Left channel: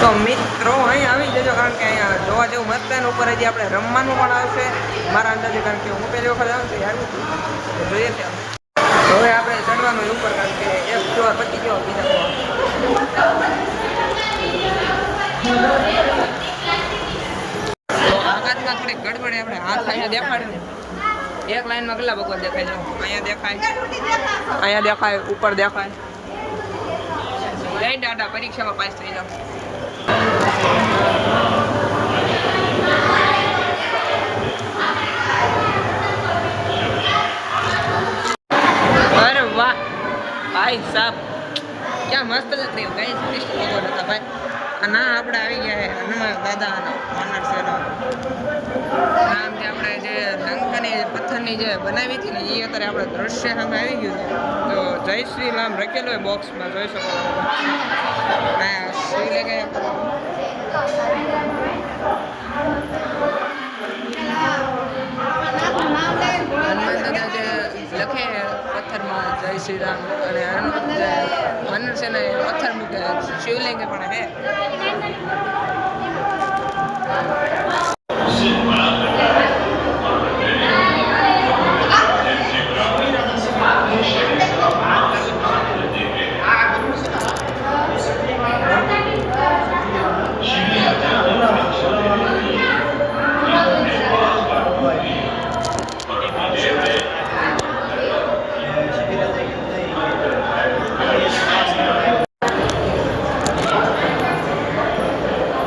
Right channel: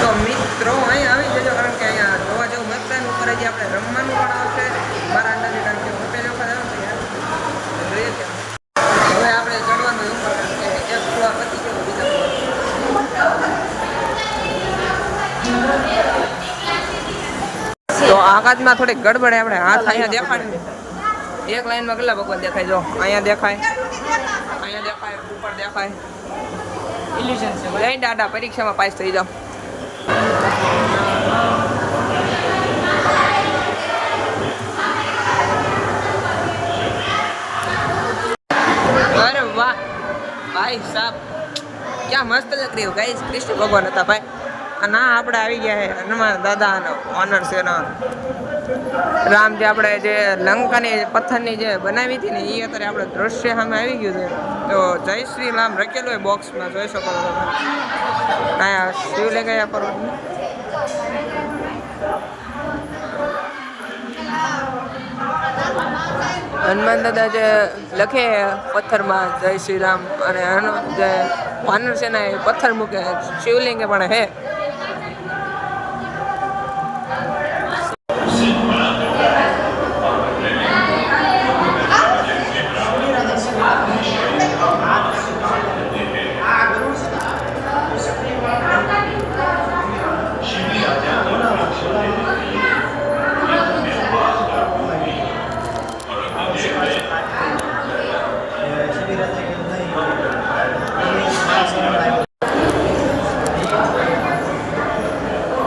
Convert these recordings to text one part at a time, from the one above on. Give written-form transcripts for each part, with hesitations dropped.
તો મિત્રો અહીંયા આવી જજો, કારણ કે અહીંયા જોવા જેવું મસ્ત છે. ઉપર હજી આપણે રમવાનું પણ આવશે મારા અંદાજે, કારણ કે હું પહેલી વખત આવ્યો તો આવ્યું તો જોઈએ છે આપણે. હવે આપણે ચડવાનું હોય ઉપર, કારણ કે એક ફ્લોર પતી ગયો, બીજા ફ્લોર. તો આકાશમાં થોડીક ગડબડ, આપણે હાથ અહીંયા દેખાડીને એક લાઈનમાં કેટલા ભગવાન દેખાય? જો અહીંયા દેખાય, અહીંયા દેખાય, ઉપર દેખાય. જય દાદા, પરીક્ષામાં પાસ થઈ જાઓ. अरे वाह भाई साहब, क्या मस्त लग रही हो गाइस. कृष्ण भगवान હતા ભાઈ. ના આપણે આવી ગયા છે હનુમાન દાદાનો ઓનર છે ને રામ, જે આપણે જે લંકાની પથ્થરની જે બનાવી હતી ને એ અત્યારે આપણે દ્રશ્ય સામે આવી ગયું છે. તો જય શ્રી રામ લખેલું હોય બોક્સમાં, જોઈ શકો છો ભાઈ. હા, શિવ લે ગયા પર હનુમાન દાદા જે લખે પથ્થરમાં જય શ્રી રામ, અને જે વાનર સેના એ પથ્થર મૂકે, શિવલિંગ પણ હે.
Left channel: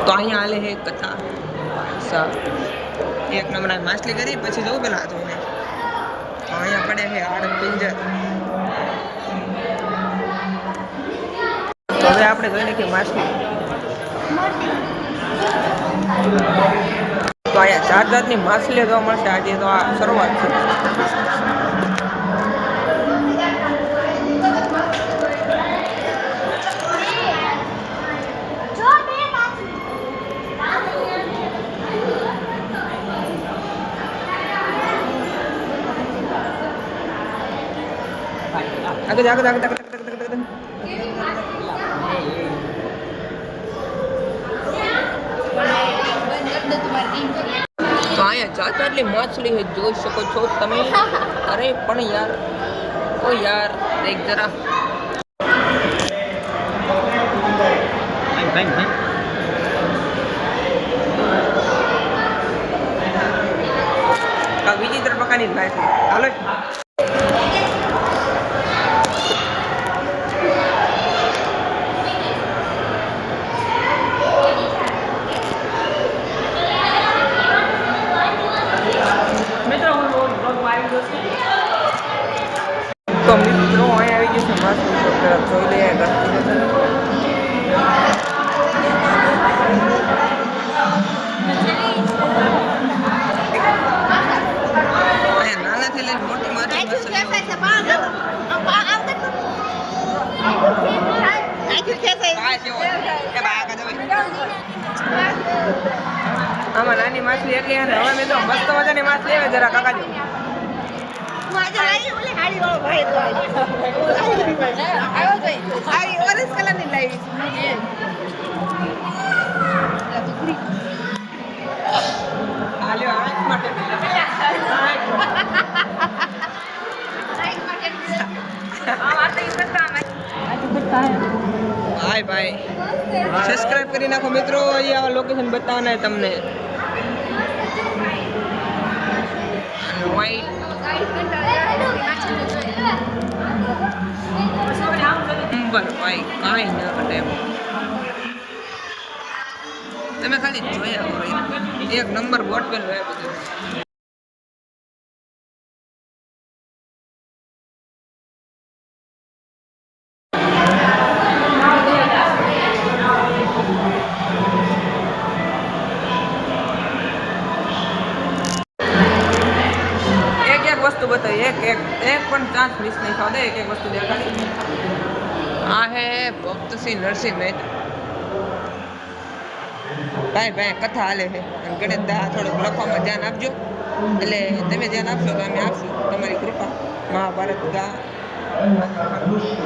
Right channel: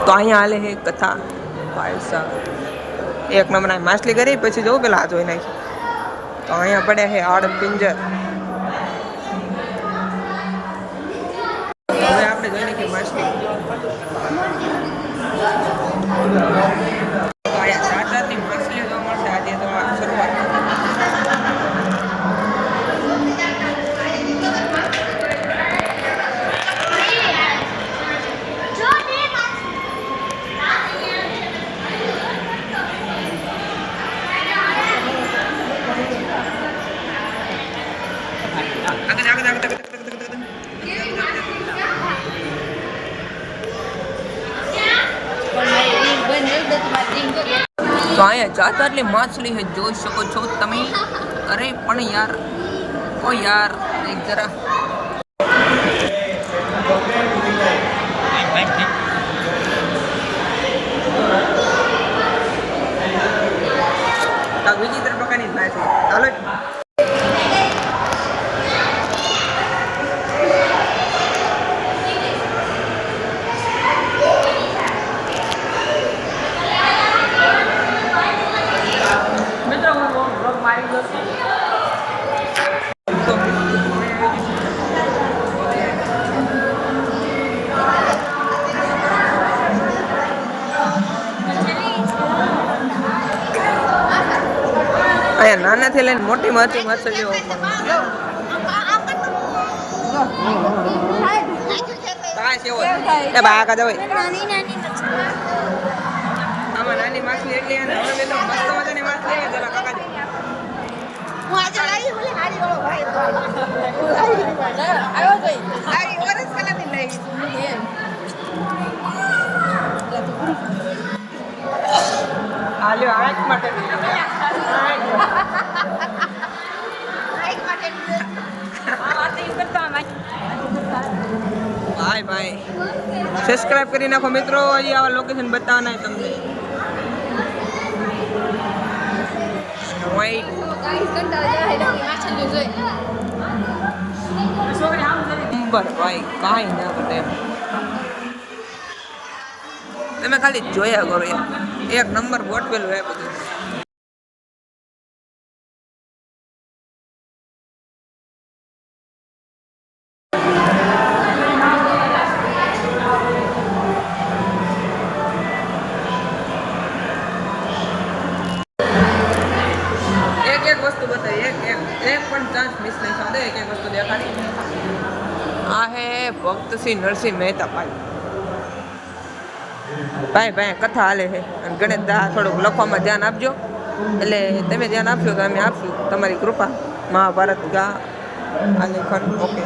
તો અહીંયા હાલે હે કથા ભાઈ સાહેબ. એક નંબર માછલી કરી, પછી જવું પેલા હાથ હોય નાખી. તો અહીંયા પડે છે આડ પિંજર. તો હવે આપણે જોઈ નાખીએ માછલી. તો અહીંયા જાત જાતની માછલીઓ જોવા મળશે. આજે તો આ શરૂઆત છે. આગળ આગળ આગળ આગળ. તો અહીંયા જાત જાતની માછલી છે, જોઈ શકો છો તમે. અરે પણ યાર, ઓ યાર દેખ જરા. બીજી તરફ પ્રકારની માછલી. હાલો મિત્રો, હું બ્લોગ મારી ગયો છું. તો મિત્રો અહીં આવી ગયું છે માછલી. જોઈ લઈએ અહીંયા નાનાથી લઈને મોટી માછલી માછલીઓ પણ. આમાં નાની માછલી એટલી, અને હવે મેં તો મસ્ત મજાની માછલી આવે. જરા કાકા જો આંખ માટે ભાઈ ભાઈ સબસ્ક્રાઇબ કરી નાખો મિત્રો. અહીં આવા લોકેશન બતાવવાના તમને. ભાઈ કાંઈ ના ઘટે એમ. તમે ખાલી જોયા કરો, એક નંબર બોટ પેલું એ બધું. એક વસ્તુ બતાવી, એક પણ ચાન્સ મિસ નહીં થવા દે. એક વસ્તુ દેખાડી. આ હે ભક્ત શ્રી નરસિંહ મહેતા ભાઈ. ભાઈ કથા હાલે છે, અને ગણેશ દા થોડુંક લખવામાં ધ્યાન આપજો. એટલે તમે ધ્યાન આપશો તો અમે આપશું, તમારી કૃપા. મહાભારત ગા ઓકે.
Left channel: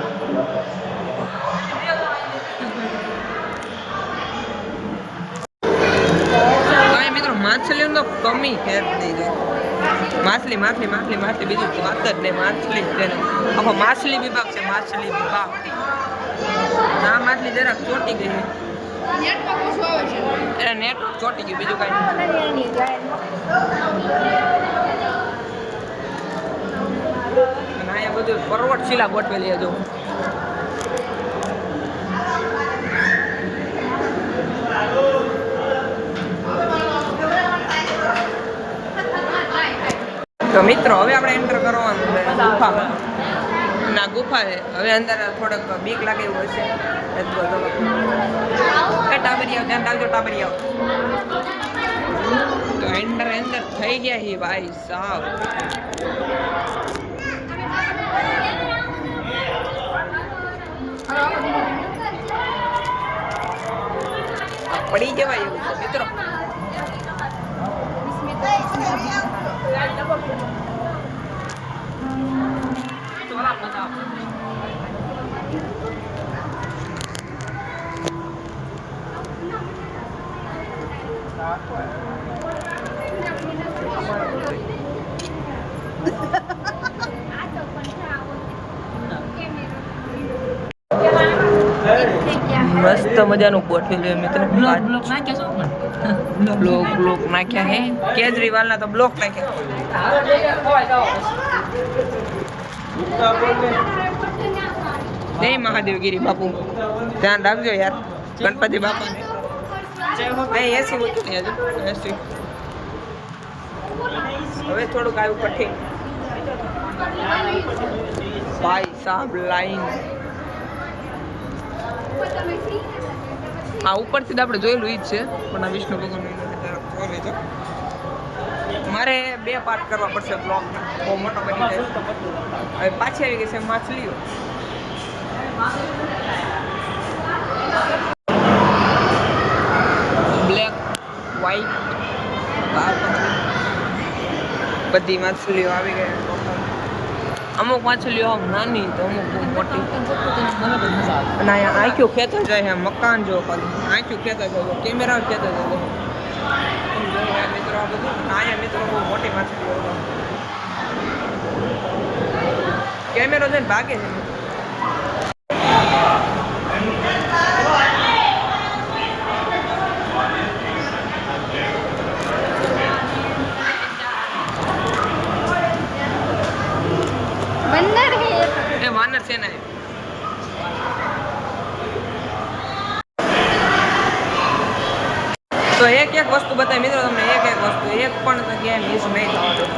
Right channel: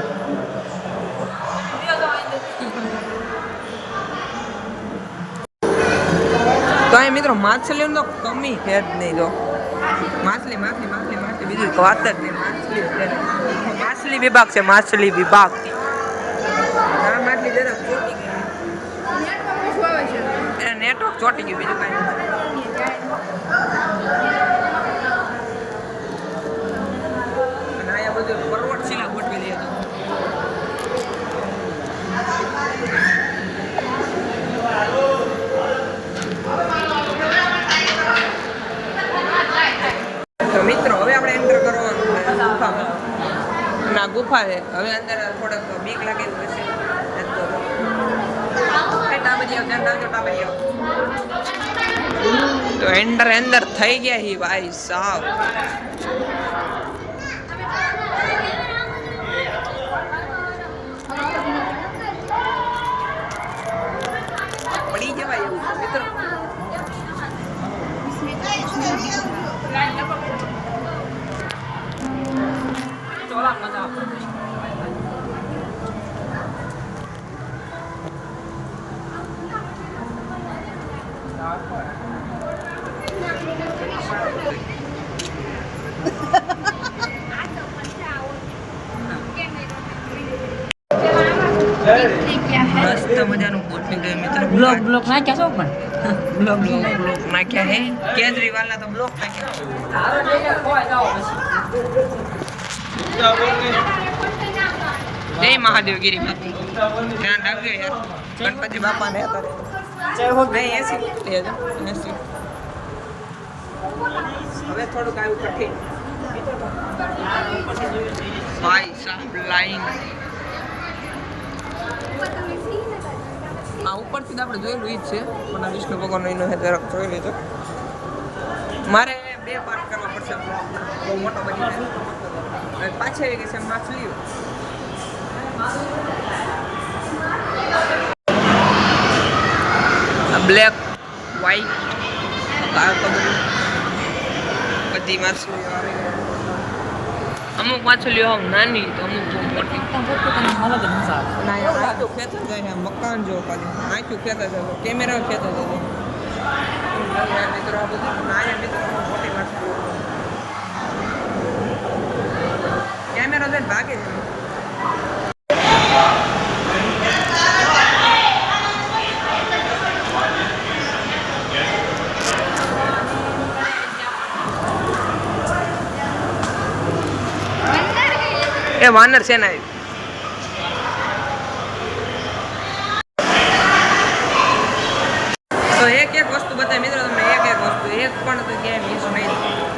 મિત્રો માછલીનો તો કમી છે જ નહીં. જો માછલી માછલી માછલી માછલી બીજું વાત જ નહીં. માછલી આખો માછલી વિભાગ છે. માછલી વિભાગ ના માછલી જરાક ચોટી ગઈ છે. નેટવર્ક ચોટી ગયું બીજું કઈ નહીં. અને અહીંયા બધું પર્વત શિલા ગોઠવેલી હજુ. તો મિત્રો હવે આપણે એન્ટર કરવાનું છે ગુફામાં. અને આ ગુફા છે. હવે અંદર થોડોક બીક લાગે એવું હશે. ટાબરિયાઓ ધ્યાન રાખજો ટાબરિયાઓ. તો અંદર થઈ ગયા હી ભાઈ સાવ. પડી જવાય એવું છે મિત્રો. મસ્ત મજાનું ગોઠવેલું મિત્રો. બ્લોક નાખ્યા છે પણ બ્લોક નાખ્યા હે. કેજરીવાલના તો બ્લોક નાખ્યા. જય મહાદેવગીરી બાપુ. ધ્યાન રાખજો યાર ગણપતિ બાપાને. અહીં એસી ઉતરી હજુ એસી. હવે થોડુંક આવ્યું કઠિન ભાઈ સાહેબ લાઈન. આ ઉપરથી આપણે જોયેલું ઈ જ છે પણ આ વિષ્ણુ ભગવાનનો એનો જોઈ લેજો. મારે 2 પાર્ટ કરવા પડશે બ્લોગના. બહુ મોટો બની જાય. હવે પાછી આવી ગઈ છે માછલીઓ. બ્લેક વ્હાઈટ બધી માછલીઓ આવી ગઈ ટોટલ. અમુક માછલીઓ આમ નાની તો અમુક બહુ મોટી. અને અહીંયા આંખ્યું ખેંચા જાય. મકાન જો ખાલી આંખ્યું ખેંચા જાય. કેમેરા ખેંચા જાય. યાર મિત્રો આ બધું. અહીંયા મિત્રો બહુ મોટી માછલીઓ હતો. કેમેરો જઈને ભાગે છે. એ વાનર છે ને. તો એક વસ્તુ બતાવી મિત્રો તમને. એક વસ્તુ એક પણ તો ક્યાંય મિસ નહીં થતું.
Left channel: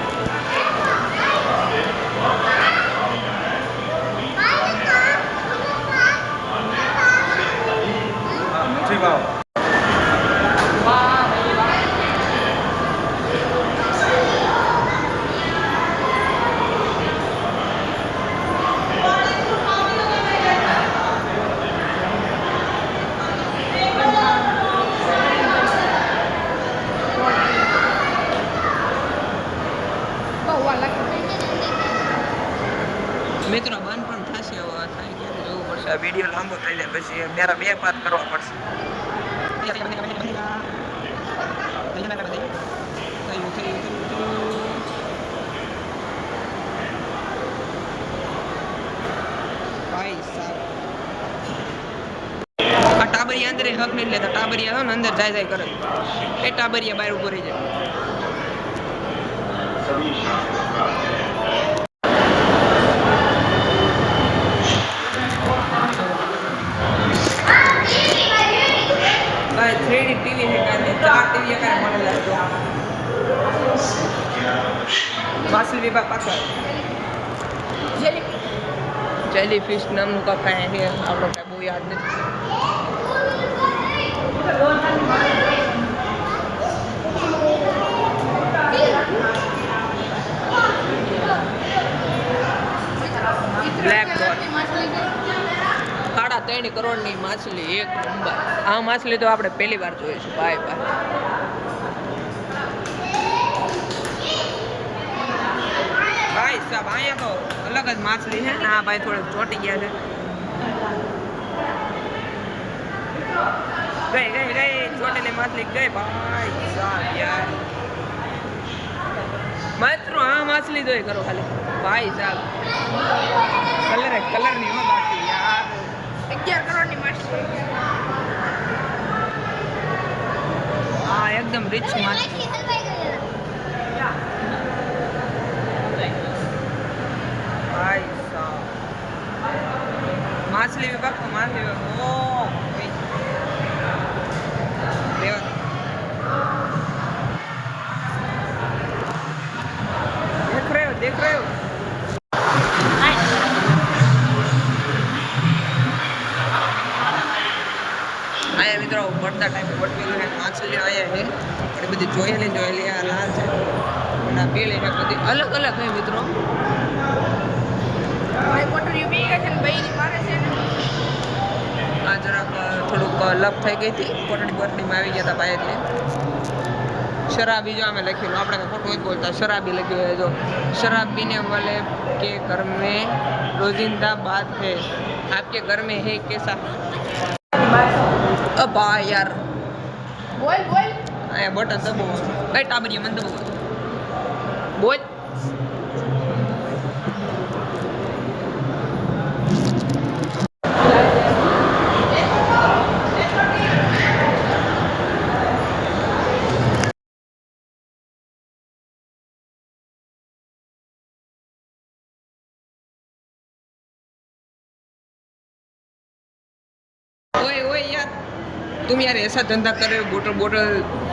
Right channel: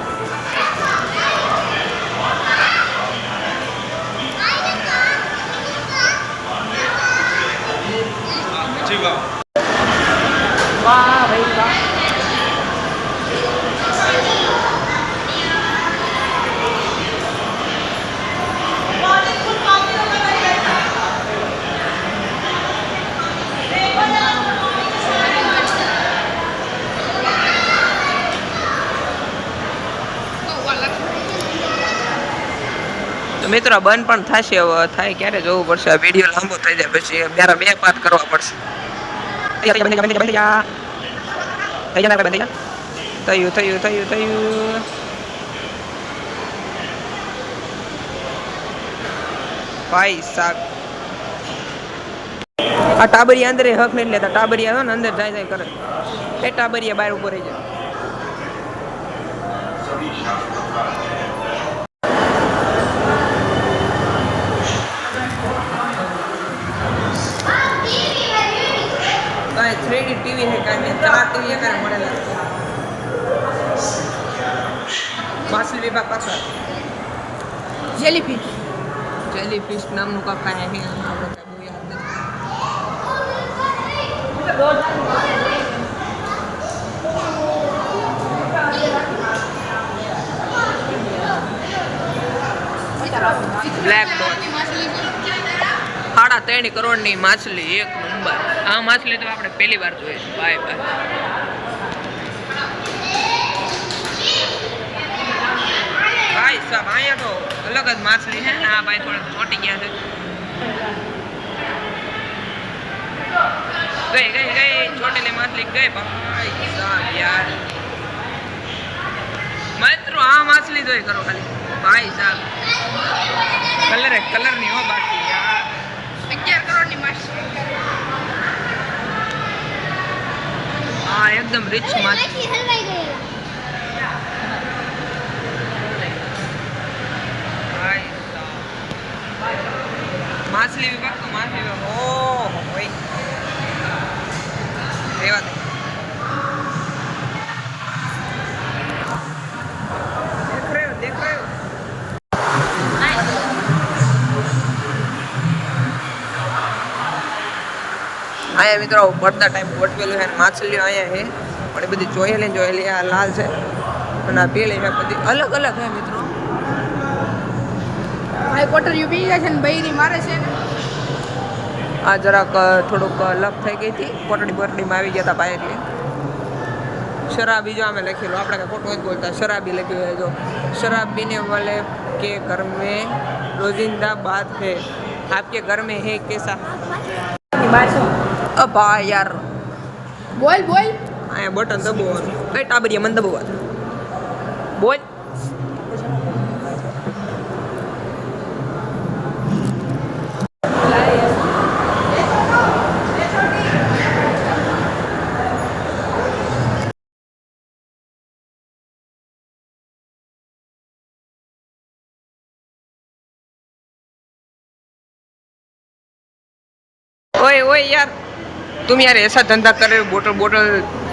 મિત્રો બંધ પણ થશે. હવે થાય ક્યારે જોવું પડશે. આ વિડીયો લાંબો થઈ જાય પછી 2 પાર્ટ કરવા પડશે. થયું ભાઈ સાહેબ. આ ટાબરિયા અંદર હક નથી લેતા. ટાબરિયા ને અંદર જાય કરે. એ ટાબરિયા બહાર ઉભો રહી જાય. भाई 3D टीवी है का में 4 टीवी करे મળેલા છે. માછલી વિભાગ પાછળ જેલીફિશ નામનું કાંઈ છે. આપણે કાંઈ બહુ યાદ નથી. બ્લેક ડોટ 3.5 કરોડની માછલી. 1 નંબર. આ માછલી તો આપણે પહેલી વાર જોઈ છે ભાઈ. ભાઈ સાહેબ અહીંયા તો અલગ જ માછલી છે ને. આ ભાઈ થોડોક ચોટી ગયા છે. ગઈ छोटेली मछली गई भाई साहब यार મિત્રો આ માછલી જોઈ કરો ખાલી ભાઈ સાહેબ કલર નહીં હો બાકી યાર 11 કરોડની માછલી હા એકદમ રીચ માછલી ભાઈ સાહેબ માછલી વિભાગ તો માછલી વિભાગ ઓહો ભાઈ રેવા દે देख रहे हो आया मित्रों बढ़ता टाइम वटवेली है माछली आया है और ये बધી જોયેલી આ લાલ છે અને આ પીળી છે બધી અલગ અલગ છે મિત્રો ભાઈ કોટર યુપી ગયા છે ને બૈરી મારે છે આ જરાક થોડુંક લપ થઈ ગઈ હતી કોટડીમાં આવી ગયા હતા ભાઈ એટલે शराबी जो हमें लखेलो આપણે કઈ ખોટું જ બોલતા शराबी લખ્યું है जो शराब पीने वाले के घर में रोजिंदा बात है आपके घर में है कैसा अब यार બોલ આ બટન દબાવવાનું કઈ ટાબરિયા મન દબાવવાનું બોલ ओए ओए यार तुम यार ऐसा धंधा कर रहे हो बोतल